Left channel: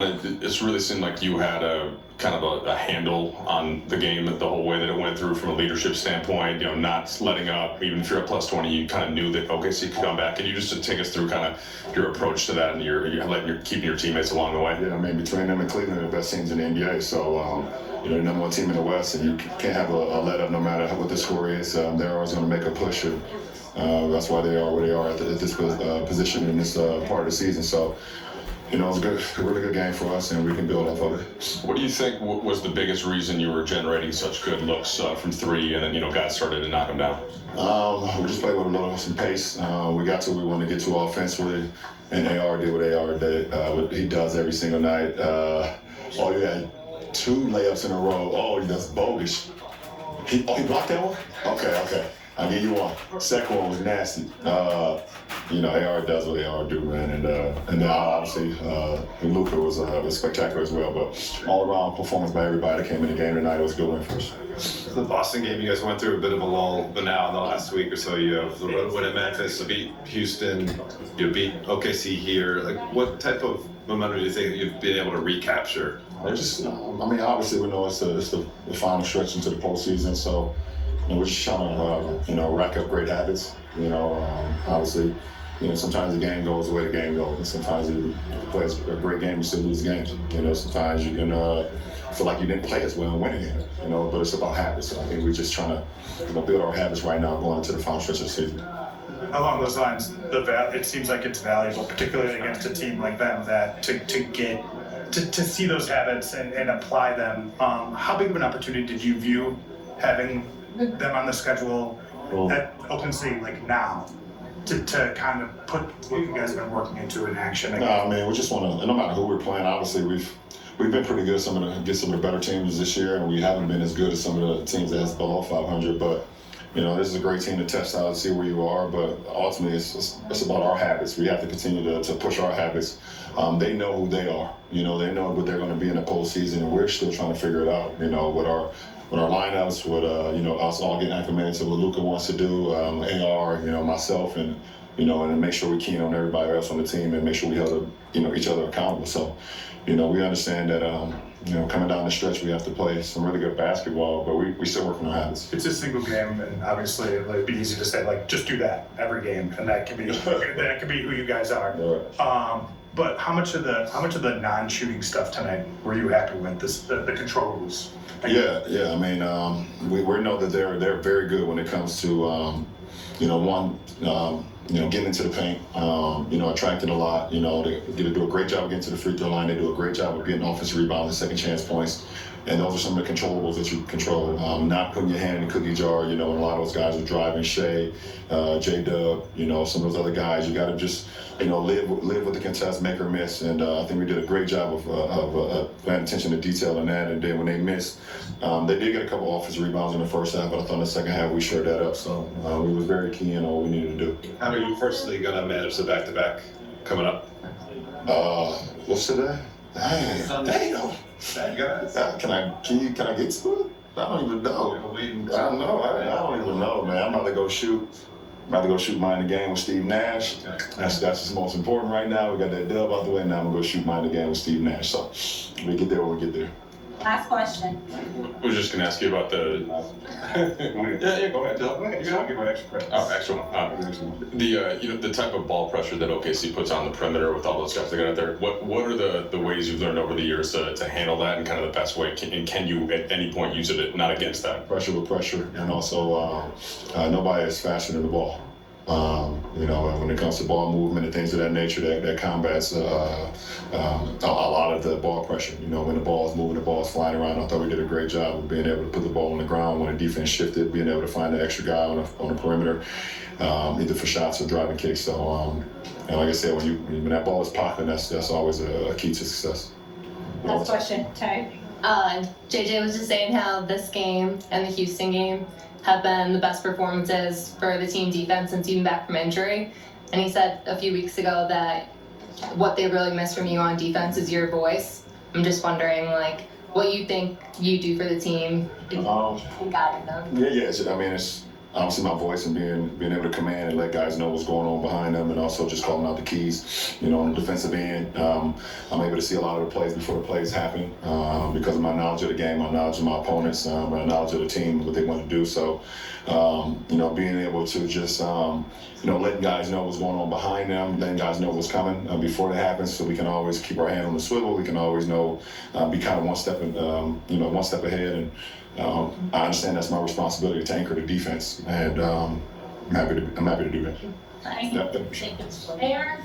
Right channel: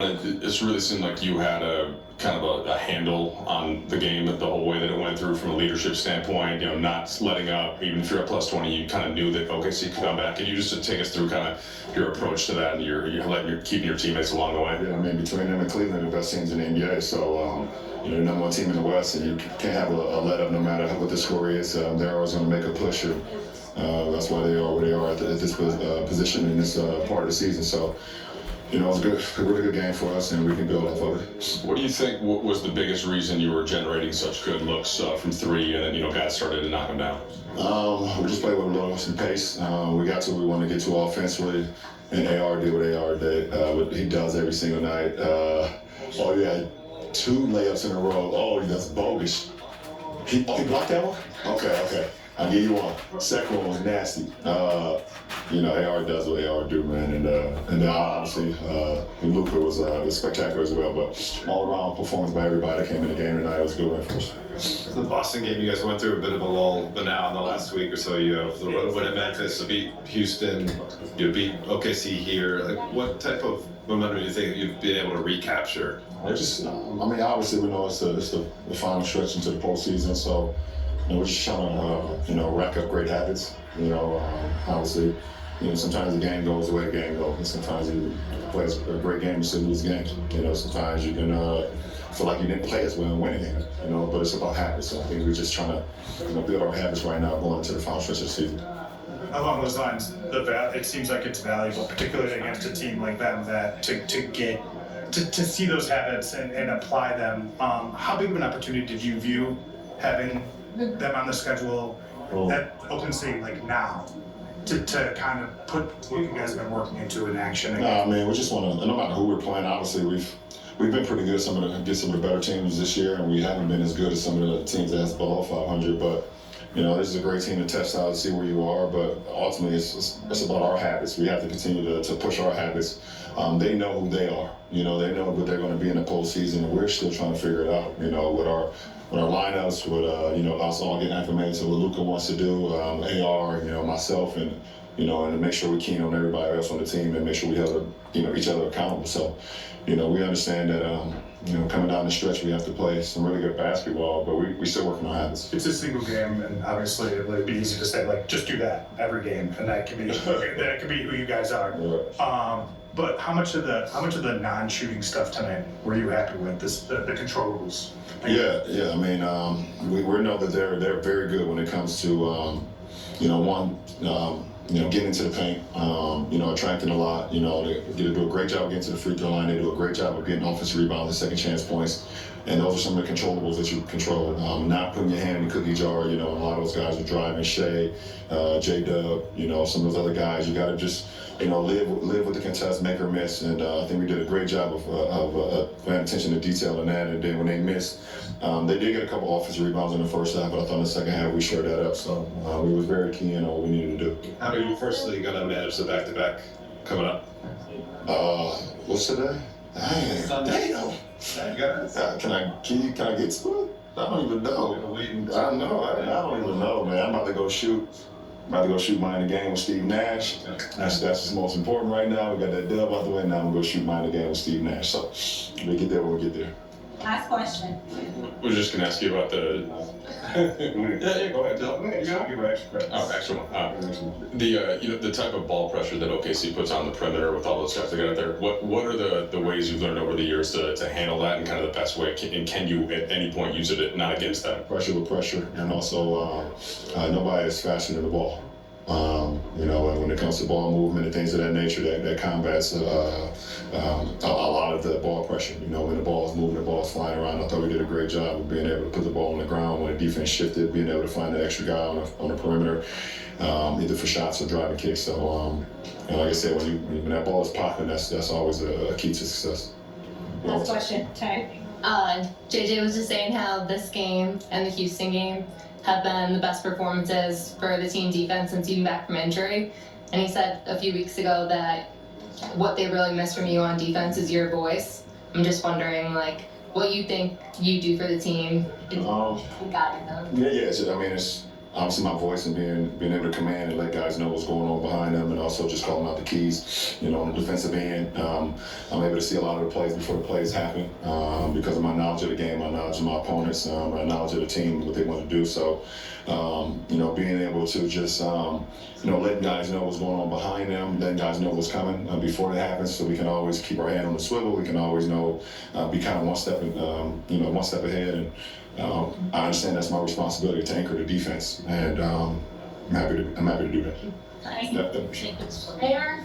It's really seemed like you had a kind of a handle on the game the whole way that it went through from a leadership standpoint. Not letting up. Even if you're at plus 20, you kind of knew that OKC could come back. Can you just take us through kind of your approach to that and you're keeping your teammates along the way? Yeah, I mean, between them and Cleveland are the best teams in the NBA. So, the number one team in the West, and you can't have a let up no matter what the score is. They're always going to make a push, and that's why they are where they are at this position in this part of the season. So, it was a really good game for us, and we can build off of it. What do you think was the biggest reason you were generating such good looks from three, and then guys started to knock them down? We just played with a little some pace. We got to where we wanted to get to offensively, and AR did what AR did. What he does every single night. You had 2 layups in a row. Oh, that's bogus. He blocked that one? Okay. I'll give you one. Second one was nasty. AR does what AR do, man, and then obviously Luka was spectacular as well. But all around performance by everybody that came in the game tonight, it was a good win for us. The Boston game, you guys went through a bit of a lull, but now in the last week or so, you have the road win at Memphis, beat Houston, you beat OKC here. Like, what type of momentum do you think you've been able to recapture? They're just, obviously we know it's the final stretch into the postseason, so. We're just trying to, rack up great habits. Obviously, sometimes the game goes the way the game goes, and sometimes you play a great game and still lose games. Sometimes you can feel like you didn't play as well and win a game. But it's about habits. So I think we're just trying to, build our habits right now going into the final stretch of the season. Along those lines, it seems like it's valuable, particularly against a team like them, that to see those habits and apply them. How big of an opportunity did you view having them on the schedule at OpenSea now to kind of put what you guys have been working into in action? We just want to, and no matter who we're playing, obviously we've been pretty good against some of the better teams this year, and we haven't been as good as some of the teams that's below 500. But this is a great team to test out and see where you are. But ultimately, it's about our habits. We have to continue to push our habits. They know who they are. They know what they're going to be in the postseason, and we're still trying to figure it out. With our lineups, with us all getting acclimated to what Luka wants to do, AR, myself, and and make sure we keen on everybody else on the team and make sure we hold each other accountable. So, we understand that coming down the stretch we have to play some really good basketball, but we still working on habits. It's a single game, and obviously it'd be easy to say just do that every game, and that could be who you guys are. Yeah. But how much of the non-shooting stuff tonight were you happy with? The controllables? Yeah. We know that they're very good when it comes to getting into the paint, attracting a lot. They do a great job getting to the free throw line. They do a great job of getting offensive rebounds and second chance points. And those are some of the controllables that you control. Not putting your hand in the cookie jar. And a lot of those guys are driving, Shea, J-Dub, some of those other guys. You got to just live with the contest, make or miss. And I think we did a great job of paying attention to detail in that. And then when they missed, they did get a couple offensive rebounds in the first half, but I thought in the second half we shared that up. So we was very keen on what we needed to do. How are you firstly going to manage the back-to-back coming up? What's today? Damn. Can I get to it? I don't even know. I don't even know, man. I'm about to go shoot. Mine in the game with Steve Nash. That's what's most important right now. We got that dub out the way, now I'm gonna go shoot mine in the game with Steve Nash. So we get there when we get there. Last question. I was just going to ask you about the. Yeah, go ahead. I'll give an extra credit. Oh, extra one. The type of ball pressure that OKC puts on the perimeter with all those guys they got out there. What are the ways you've learned over the years to handle that and kind of the best way? Can you at any point use it not against that? Pressure with pressure, and also nobody is faster than the ball. And when it comes to ball movement and things of that nature, that combats a lot of the ball pressure. When the ball is moving, the ball is flying around. I thought we did a great job of being able to put the ball on the ground when the defense shifted, being able to find the extra guy on the perimeter, either for shots or driving kicks. So, and like I said, when that ball is popping, that's always a key to success. Last question, Ty. JJ was just saying how this game and the Houston game have been the best performances for the team defense since even back from injury. And he said a few weeks ago that what they really miss from you on defense is your voice. I'm just wondering, what you think you do for the team. Yeah. obviously my voice and being able to command and let guys know what's going on behind them, and also just calling out the keys, on the defensive end. I'm able to see a lot of the plays before the plays happen because of my knowledge of the game, my knowledge of my opponents, my knowledge of the team, what they want to do. So, being able to just, letting guys know what's going on behind them, letting guys know what's coming before it happens, so we can always keep our hand on the swivel. We can always know, be kind of one step ahead. And I understand that's my responsibility to anchor the defense, and I'm happy to do that. Nice. Yeah, thank you. Aaron?